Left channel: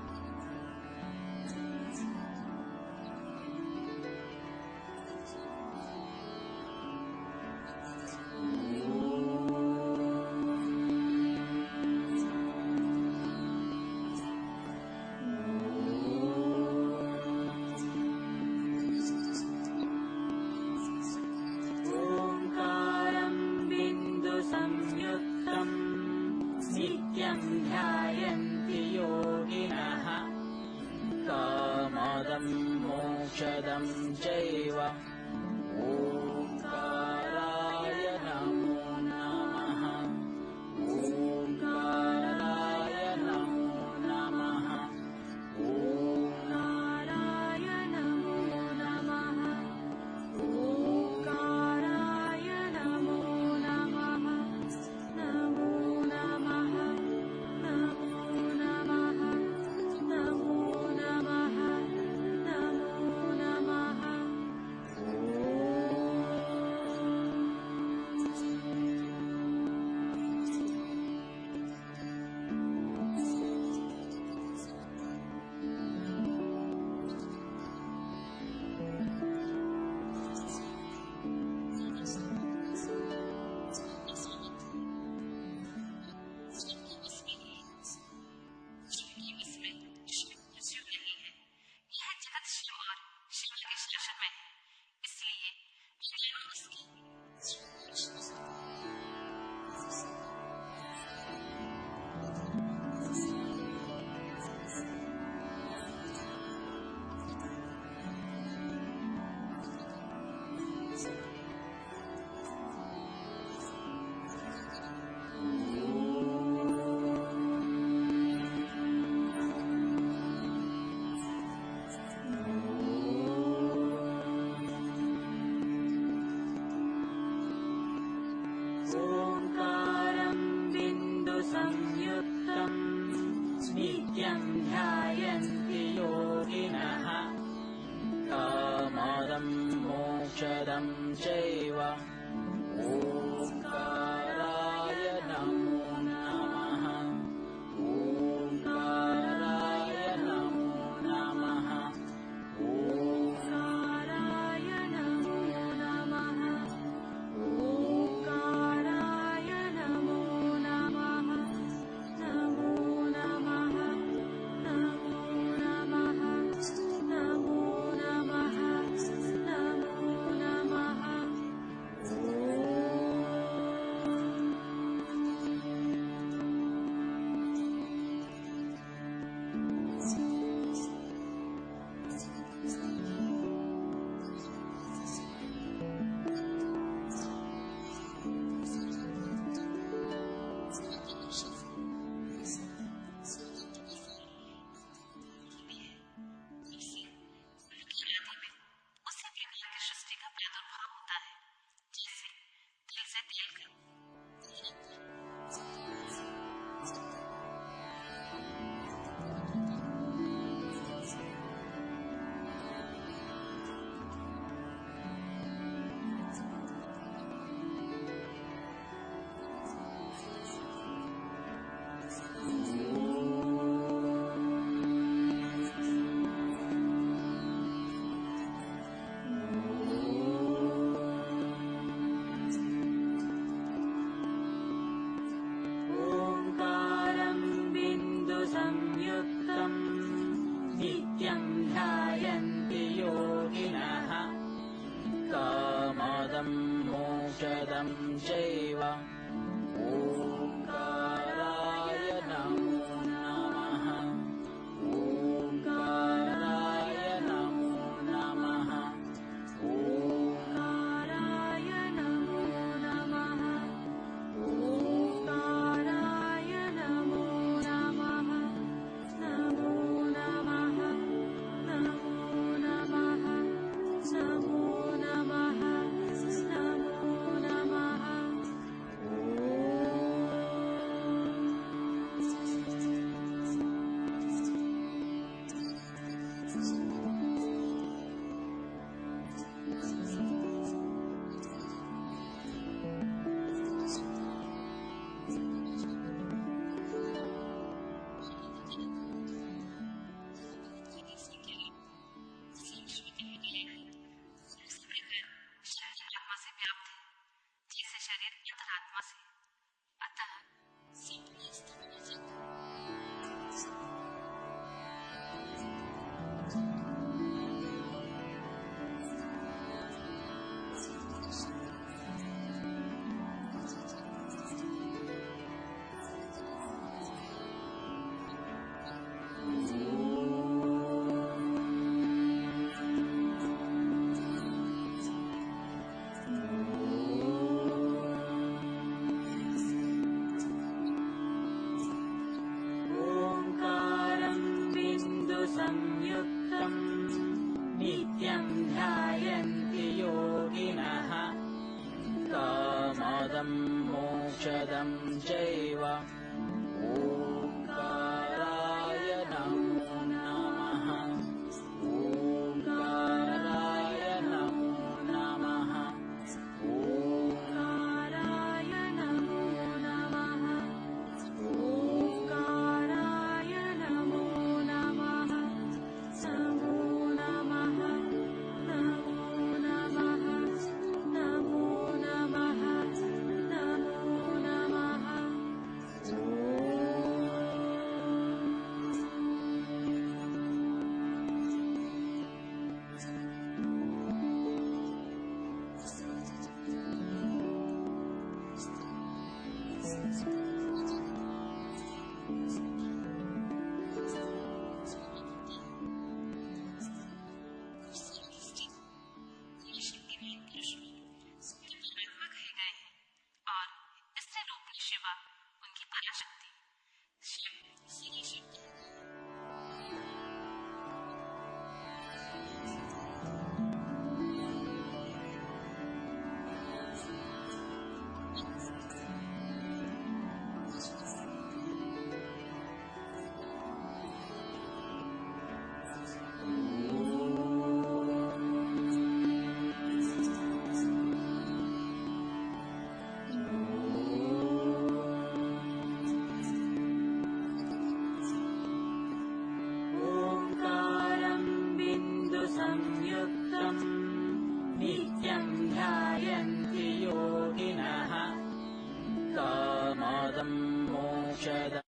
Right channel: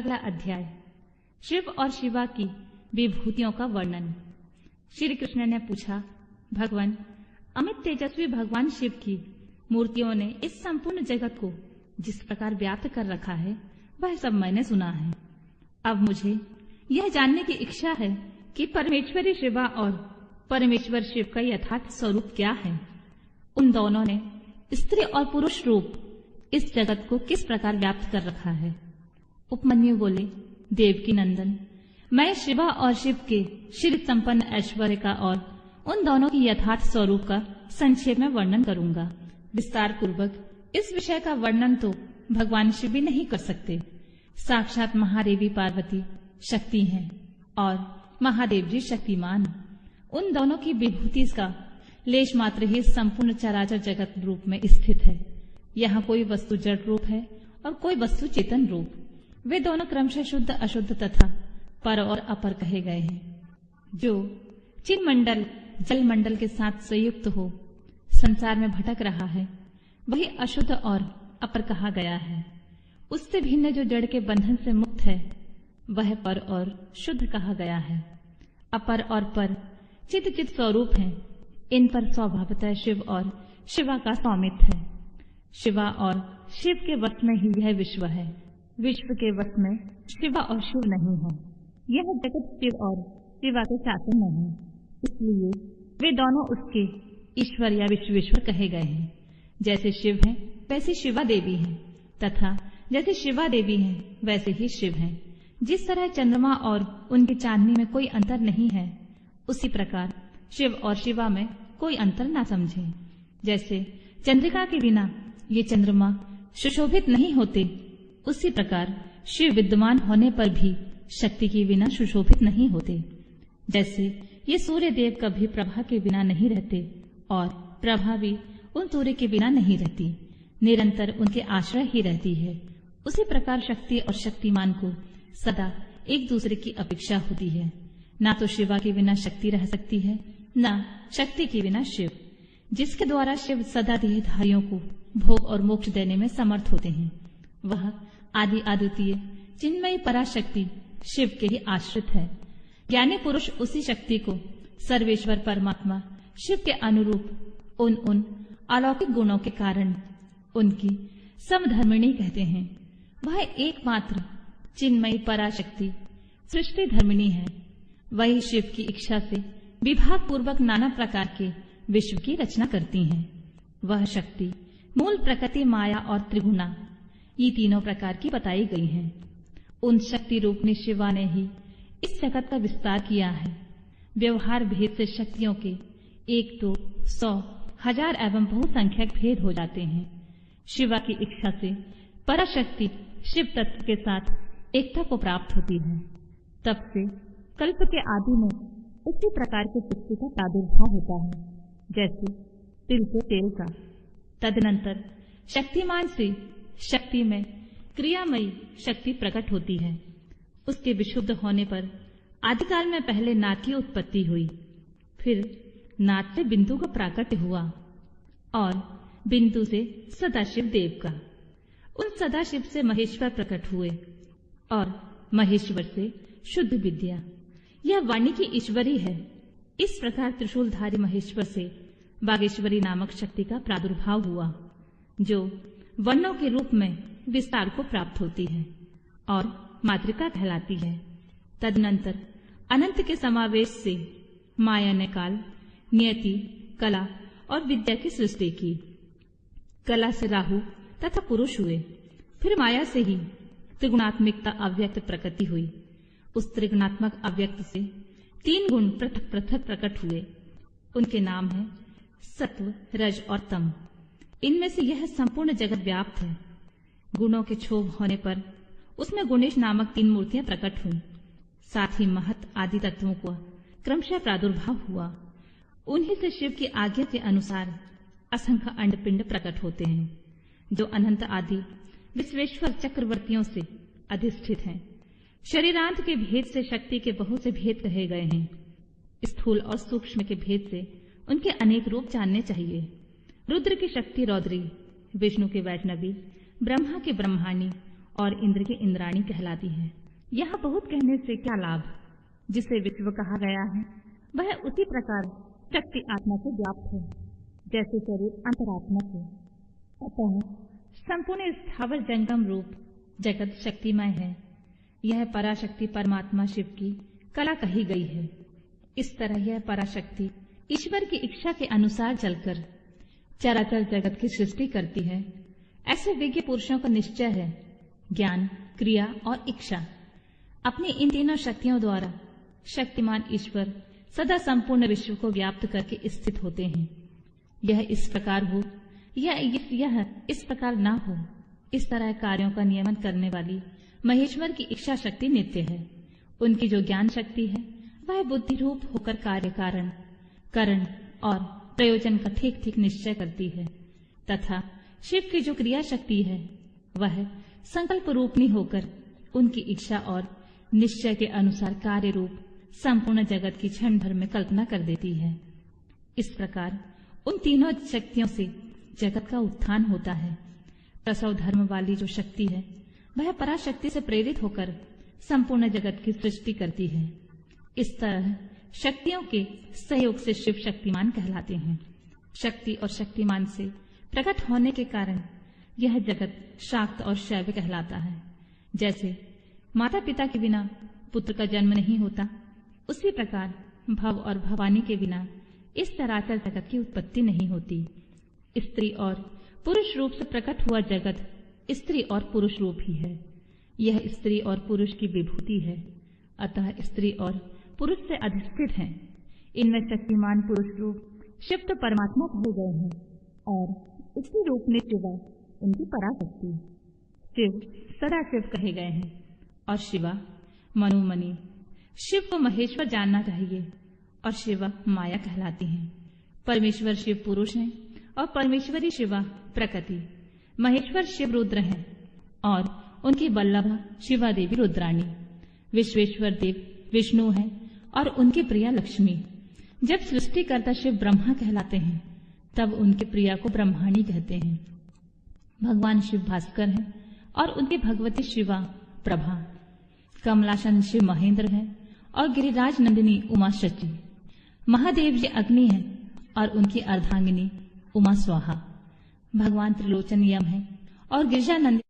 अगला अध्याय शिव और शिवा की विभूतियों का वर्णन। श्री कृष्ण ने पूछा, भगवान, अमित तेजस्वी भगवान शिव की मूर्तियों ने इस संपूर्ण जगत को जिस प्रकार व्याप्त कर रखा है वह सब मैंने सुना है। अब मुझे यह जानने की इच्छा है कि परमेश्वरी शिवा और परमेश्वर शिव का यथार्थ स्वरूप क्या है। उन दोनों ने स्त्री और पुरुष रूप इस जगत को किस प्रकार व्याप्त कर रखा है। उपमन्यु बोले, देवकी नंदन, मैं शिवा और शिव के श्री संपन्न ऐश्वर्य का और उन दोनों की यथार्थ स्वरूप का संक्षेप में वर्णन करूंगा। विस्तार पूर्वक इस विषय का वर्णन तो भगवान शिव भी नहीं कर सकते। साक्षात महादेवी पार्वती शक्ति हैं और महादेव जी शक्तिमान हैं। उन दोनों की विभूति का लेश मात्र ही संपूर्ण चराचर जगत रूप में स्थित है। यहाँ कोई वस्तु जड़ रूप है और कोई वस्तु चेतन रूप। वे दोनों क्रमशः शुद्ध अशुद्ध तथा पर और अपर कहे गए हैं। जो चिन्ह मंडल जल मंडल के साथ संयुक्त हो संसार में भटक रहा है वही अशुद्ध और अपर कहा गया है। उससे भिन्न जो जड़ के बंधन से मुक्त है वह पर और शुद्ध कहा गया है। अपर और पर चित चित स्वरूप हैं। इन पर स्वभावतः शिव और शिवा का स्वामित्व है। शिवा और शिव के वश में ही यह विश्व है। विश्व के वश में शिवा और शिव नहीं है। यह जगत शिव और शिवा के शासन में है। इसलिए वे दोनों उसके ईश्वर या विश्वेश्वर कहे गए हैं। जैसे शिव हैं वैसे शिवा देवी हैं तथा जैसे शिवा देवी हैं वैसे ही शिव हैं। जिस तरह चंद्रमा और उनकी चांदनी में कोई अंतर नहीं है उसी प्रकार शिव और शिवा में कोई अंतर ना समझें। जैसे चंद्रिका के बिना ये चंद्रमा सुशोभित नहीं होते उसी प्रकार शिव विद्यमान होने पर भी शक्ति के बिना सुशोभित नहीं होते। जैसे ये सूर्य देव कभी प्रभा के बिना नहीं रहते और प्रभा भी उन सूर्य के बिना नहीं रहती, निरंतर उनके आश्रय ही रहती है। उसी प्रकार शक्ति और शक्तिमान को सदा एक दूसरे की अपेक्षा होती है। ना तो शिवा के बिना शक्ति रह सकती है ना शक्ति के बिना शिव। जिसके द्वारा शिव सदा देहधारियों को भोग और मोक्ष देने में समर्थ होते हैं वह आदि अद्वितीय चिन्मयी पराशक्ति शिव के ही आश्रित है। ज्ञानी पुरुष उसी शक्ति को सर्वेश्वर परमात्मा शिव के अनुरूप उन अलौकिक गुणों के कारण उनकी समधर्मिणी कहते हैं। वह एकमात्र चिन्मयी पराशक्ति सृष्टि धर्मिणी है। वही शिव की इच्छा से विभाग पूर्वक नाना प्रकार के विश्व की रचना करती है। वह शक्ति मूल प्रकृति माया और त्रिगुणा ये तीनों प्रकार की बताई गई हैं। उन शक्ति रूपनी शिवा ने ही इस जगत का विस्तार किया है। व्यवहार भेद से शक्तियों के 1 तो 100 1000 एवं बहुसंख्यक भेद हो जाते हैं। शिवा की इच्छा से पराशक्ति शिव तत्व के साथ एकता को प्राप्त होती है। तब से कल्प के आदि में उसी प्रकार की सृष्टि का प्रादुर्भाव होता है जैसे तिल से तेल का। तदनंतर शक्तिमान से शक्ति में क्रियामयी शक्ति प्रकट होती है। उसके विशुद्ध होने पर आदिकाल में पहले नाद की उत्पत्ति हुई, फिर नाद से बिंदु का प्राकट्य हुआ और बिंदु से सदाशिव देव का। उन सदाशिव से महेश्वर प्रकट हुए और महेश्वर से शुद्ध विद्या। यह वाणी की ईश्वरी है। इस प्रकार त्रिशूलधारी महेश्वर से बागेश्वरी नामक शक्ति का प्रादुर्भाव हुआ जो वर्णों के रूप में विस्तार को प्राप्त होती है और मातृका कहलाती है। तदनंतर अनंत के समावेश से माया ने काल, नियति, कला और विद्या की सृष्टि की। कला से राहु तथा पुरुष हुए। फिर माया से ही त्रिगुणात्मिकता अव्यक्त प्रकृति हुई। उस त्रिगुणात्मक अव्यक्त से 3 गुण पृथक पृथक प्रकट हुए। उनके नाम हैं सत्व, रज और तम। इनमें से यह संपूर्ण जगत व्याप्त है। गुणों के क्षोभ होने पर उसमें गुणेश नामक 3 मूर्तियां प्रकट हुई। साथ ही महत आदि तत्वों को क्रमशः प्रादुर्भाव हुआ। उन्हीं से शिव की आज्ञा के अनुसार असंख्य अंडपिंड प्रकट होते हैं जो अनंत आदि विश्वेश्वर चक्रवर्तियों से अधिष्ठित हैं। शरीरांत के भेद से शक्ति के बहुत से भेद कहे गए हैं। स्थूल और सूक्ष्म के भेद से उनके अनेक रूप जानने चाहिए। रुद्र की शक्ति रौद्री, विष्णु के वैष्णवी, ब्रह्मा की ब्रह्माणी और इंद्र की इंद्राणी कहलाती है। यह बहुत कहने से क्या लाभ। जिसे विश्व कहा गया है वह उसी प्रकार शक्ति आत्मा से व्याप्त है जैसे शरीर अंतरात्मा से। अतः संपूर्ण स्थावर जंगम रूप जगत शक्तिमय है। यह पराशक्ति परमात्मा शिव की कला कही गई है। इस तरह यह पराशक्ति ईश्वर की इच्छा के अनुसार चलकर चराचर जगत की सृष्टि करती है। ऐसे विज्ञ पुरुषों का निश्चय है ज्ञान, क्रिया और इच्छा। अपनी इन तीनों शक्तियों द्वारा शक्तिमान ईश्वर सदा संपूर्ण विश्व को व्याप्त करके स्थित होते हैं। यह इस प्रकार हो या यह इस प्रकार ना हो, इस तरह कार्यों का नियमन करने वाली महेश्वर की इच्छा शक्ति नित्य है। उनकी जो ज्ञान शक्ति है वह बुद्धि रूप होकर कार्य कारण और प्रयोजन का ठीक ठीक निश्चय करती है, तथा शिव की जो क्रिया शक्ति है वह संकल्प रूपनी होकर उनकी इच्छा और निश्चय के अनुसार कार्य रूप संपूर्ण जगत की क्षण भर में कल्पना कर देती है। इस प्रकार उन तीनों शक्तियों से जगत का उत्थान होता है। प्रसव धर्म वाली जो शक्ति है वह पराशक्ति से प्रेरित होकर संपूर्ण जगत की सृष्टि करती है। इस तरह शक्तियों के सहयोग से शिव शक्तिमान कहलाते हैं। शक्ति और शक्तिमान से प्रकट होने के कारण यह जगत शाक्त और शैव कहलाता है। जैसे माता पिता के बिना पुत्र का जन्म नहीं होता, उसी प्रकार भव और भवानी के बिना इस चराचर जगत की उत्पत्ति नहीं होती। स्त्री और पुरुष रूप से प्रकट हुआ जगत स्त्री और पुरुष रूप ही है। यह स्त्री और पुरुष की विभूति है, अतः स्त्री और पुरुष से अधिष्ठित हैं। इनमें शक्तिमान पुरुष रूप शिव तो परमात्मा कहे गए हैं और स्त्री रूप ने शिवा उनकी पराशक्ति। शिव सदा शिव कहे गए हैं और शिवा मनोमणि। शिव को महेश्वर जानना चाहिए और शिवा माया कहलाती हैं। परमेश्वर शिव पुरुष हैं और परमेश्वरी शिवा प्रकृति। महेश्वर शिव रुद्र हैं और उनकी वल्लभा शिवा देवी रुद्राणी। विश्वेश्वर देव विष्णु हैं और उनकी प्रिया लक्ष्मी। जब सृष्टिकर्ता शिव ब्रह्मा कहलाते हैं तब उनके प्रिया को ब्रह्माणी कहते हैं। भगवान शिव भास्कर हैं और उनकी भगवती शिवा प्रभा। कमलासन शिव महेंद्र हैं और गिरिराज नंदिनी उमा शची। महादेव जी अग्नि है और उनकी अर्धांगिनी उमा स्वाहा। भगवान त्रिलोचन यम है और गिरिजा नंदिनी